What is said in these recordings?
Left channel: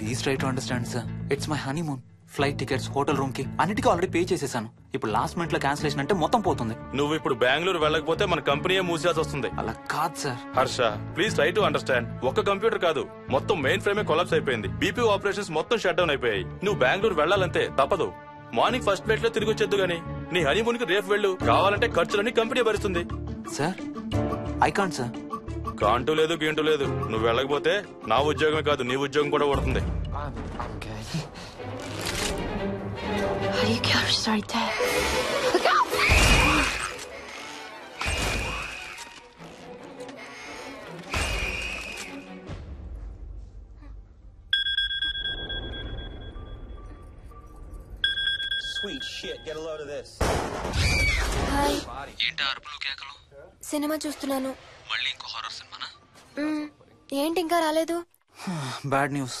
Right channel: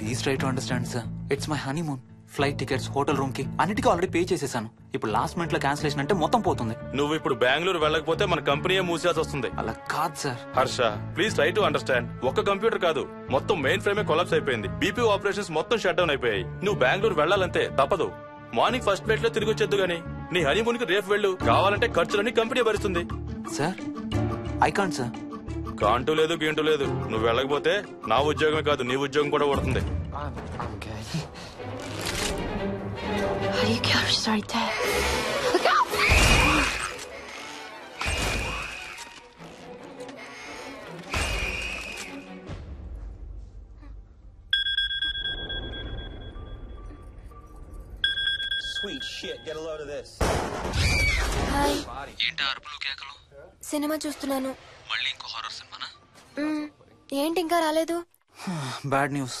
Please try to understand sir. It's my honeymoon. Flight tickets, hotel room కి అన్నిటికీ already pay చేసేసాను. ఇప్పుడు last minute లో cancellation అంటే మొత్తం పోతుంది. నువ్వు ఇప్పుడు బెంగళూరు వెళ్ళకపోతే మన కంపెనీయే మూసేయాల్సి వస్తుంది. అలా కాదు sir. Harsha, please try to understand. ఒక్క కంప్యూటర్ కాదు, మొత్తం మెయిన్ ఫ్రేమే కొలాప్స్ అయిపోయింది. బీపీ ఆపరేషన్స్ మొత్తం షట్ డౌన్ అయిపోయాయి. నువ్వు బెంగళూరు వెళ్ళాలంతే, తప్పదు. మార్నింగ్ ఫస్ట్ ఫ్లైట్ లో తిరిగి వచ్చేద్దు గానీ నీ హనీమూన్ కి రేపు వెళ్ళు. కావాలంటే ఖర్చులన్నీ కంపెనీ భరిస్తుంది. Sir I can't sir. Can't లేదు గీంటూ లేదు. నువ్వు వెళ్ళకపోతే నా ఉద్యోగమే కాదు నీ ఉద్యోగం కూడా పడుతుంది. Sorry, Dad. Look out! Hi. ఏంటి అరుపులు కేకలు? సినిమా చూస్తున్నాను. మళ్ళీ ఇంకో హారర్ సినిమానా? ఏంటి ఇంకా రాలేదు? Bad news.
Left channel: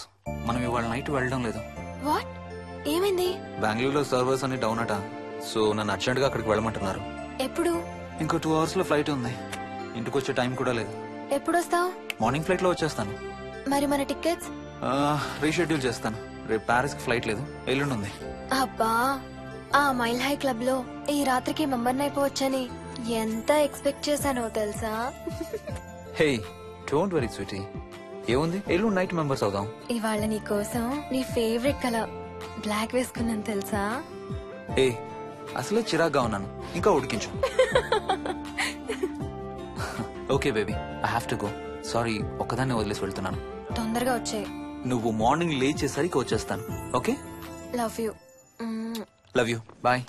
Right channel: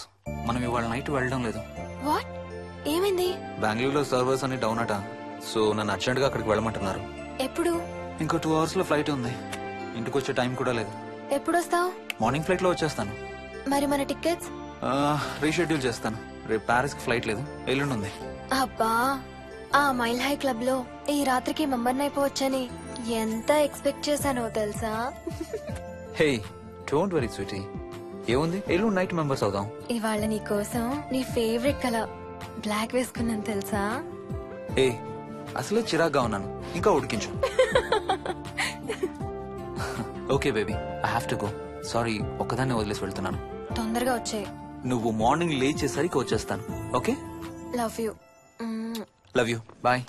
మనం ఇవాళ నైట్ వెళ్ళడం లేదు. వాట్? ఏమైంది? బెంగళూరులో సర్వర్స్ అన్ని డౌన్ అట. సో నన్ను అర్జెంట్ గా అక్కడికి వెళ్ళమంటున్నారు. ఎప్పుడు? ఇంకో 2 hours లో ఫ్లైట్ ఉంది. ఇంటికి వచ్చే టైం కూడా లేదు. ఎప్పుడు వస్తావు? మార్నింగ్ ఫ్లైట్ లో వచ్చేస్తాను. మరి మన టికెట్స్? రీషెడ్యూల్ చేస్తాను. రేపు ప్యారిస్ కి ఫ్లైట్ లేదు, ఎల్లుండి ఉంది. అబ్బా, ఆ మైల్ హై క్లబ్ లో ఈ రాత్రికి మెంబర్ అయిపోవచ్చని ఎంత ఎక్స్పెక్ట్ చేశానో తెలుసా? హే డోంట్ వరీ స్వీటీ, ఏముంది, ఎల్లుండి నైట్ మెంబర్స్ అవుదాం. ఇవాళ నీ కోసం నీ ఫేవరెట్ కలర్ బ్లాక్ వేసుకున్నాను తెలుసా? ఏ అసలే చిరాగ్గా ఉన్నాను, ఇంకా ఉడికించు. Okay baby, I have to go. Sorry, ఒక్కదాన్ని వదిలేసి వెళ్తున్నాను. తొందరగా వచ్చే. నువ్వు మార్నింగ్ లేచేసరికి వచ్చేస్తాను. Okay? Love you. Love you. Bye.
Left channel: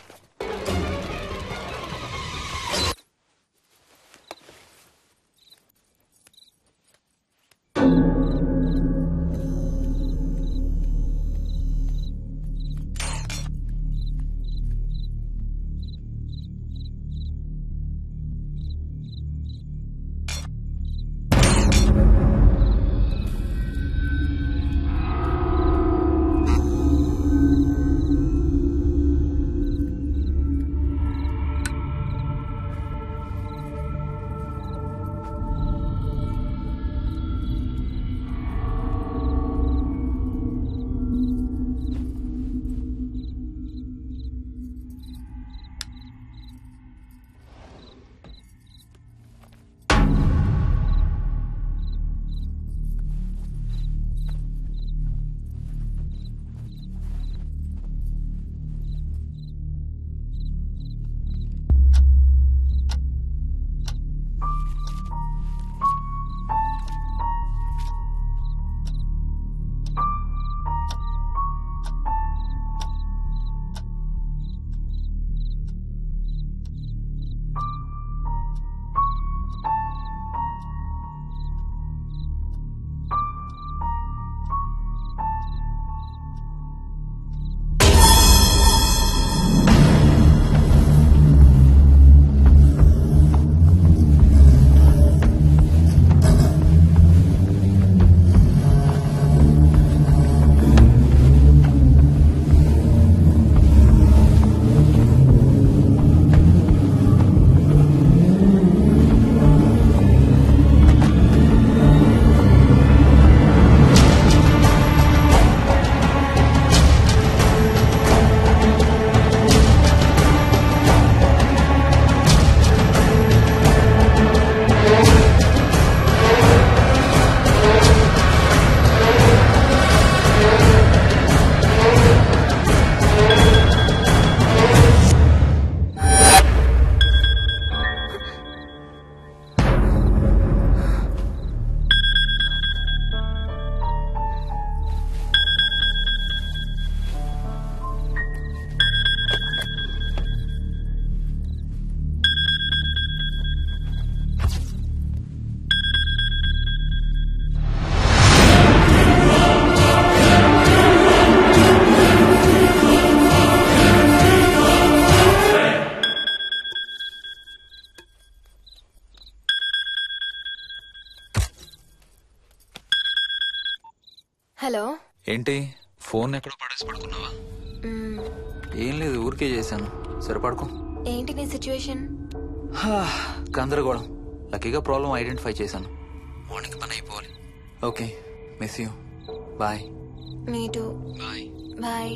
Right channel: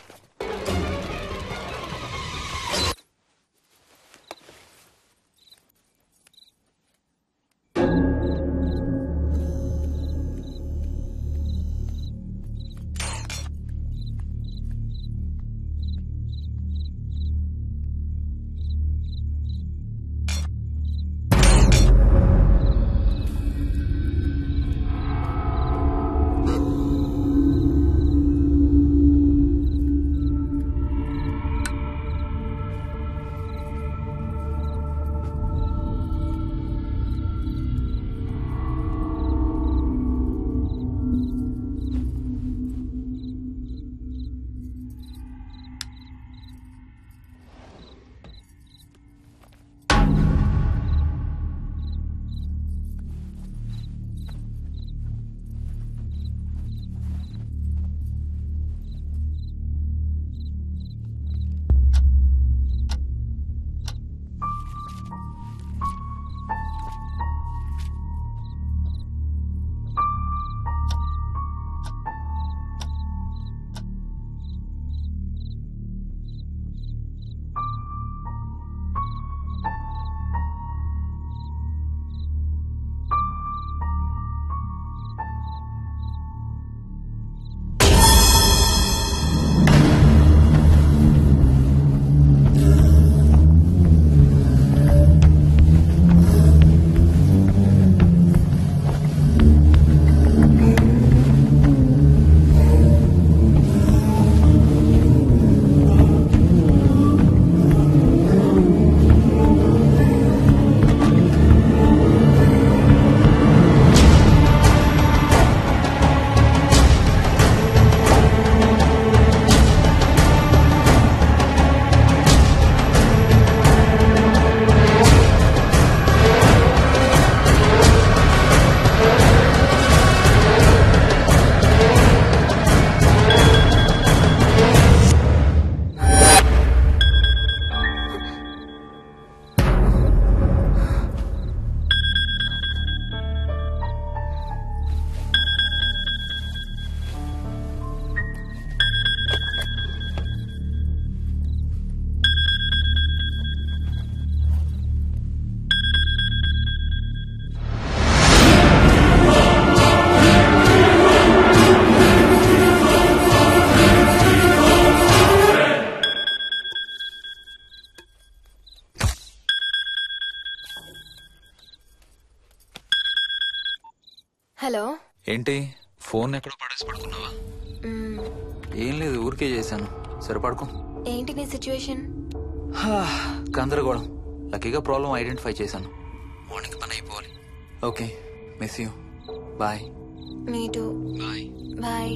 Hello. ఏంటి ఫోన్ ఎక్కడ పడేసి పడుకున్నావా? ఏం లేదు, ఊరికే చేశాను. సరే పడుకో. ఏంటి నీ సిచ్యువేషన్? గందరగోళం. లక్కీగా ప్రాబ్లం ఐడెంటిఫై చేశాను. మార్నింగ్ పని అయిపోవాలి. Okay, miss you. Bye. Me too. Bye. Bye.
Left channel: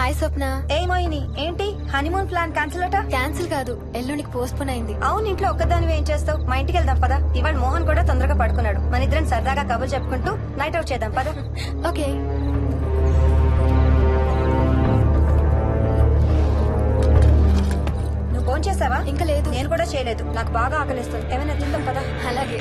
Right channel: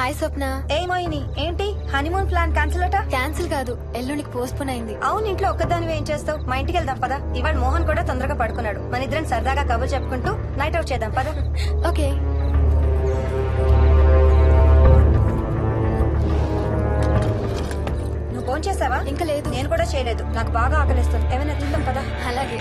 Hi Swapna. ఏమోయిని ఏంటి హనీమూన్ ప్లాన్ క్యాన్సిల్ అట? క్యాన్సిల్ కాదు, ఎల్లుండికి పోస్ట్ పోన్ అయింది. అవును, ఇంట్లో ఒక్కదానివి ఏం చేస్తావు? మా ఇంటికి వెళ్దాం పదా. ఇవాళ మోహన్ కూడా తొందరగా పడుకున్నాడు. మన ఇద్దరం సరదాగా కబుర్లు చెప్పుకుంటూ నైట్ అవుట్ చేద్దాం పదా. ఓకే. నువ్వు ఫోన్ చేసావా? ఇంకా లేదు. నేను కూడా చేయలేదు. నాకు బాగా ఆకలిస్తుంది. ఏమైనా తిందాం పదా. అలాగే.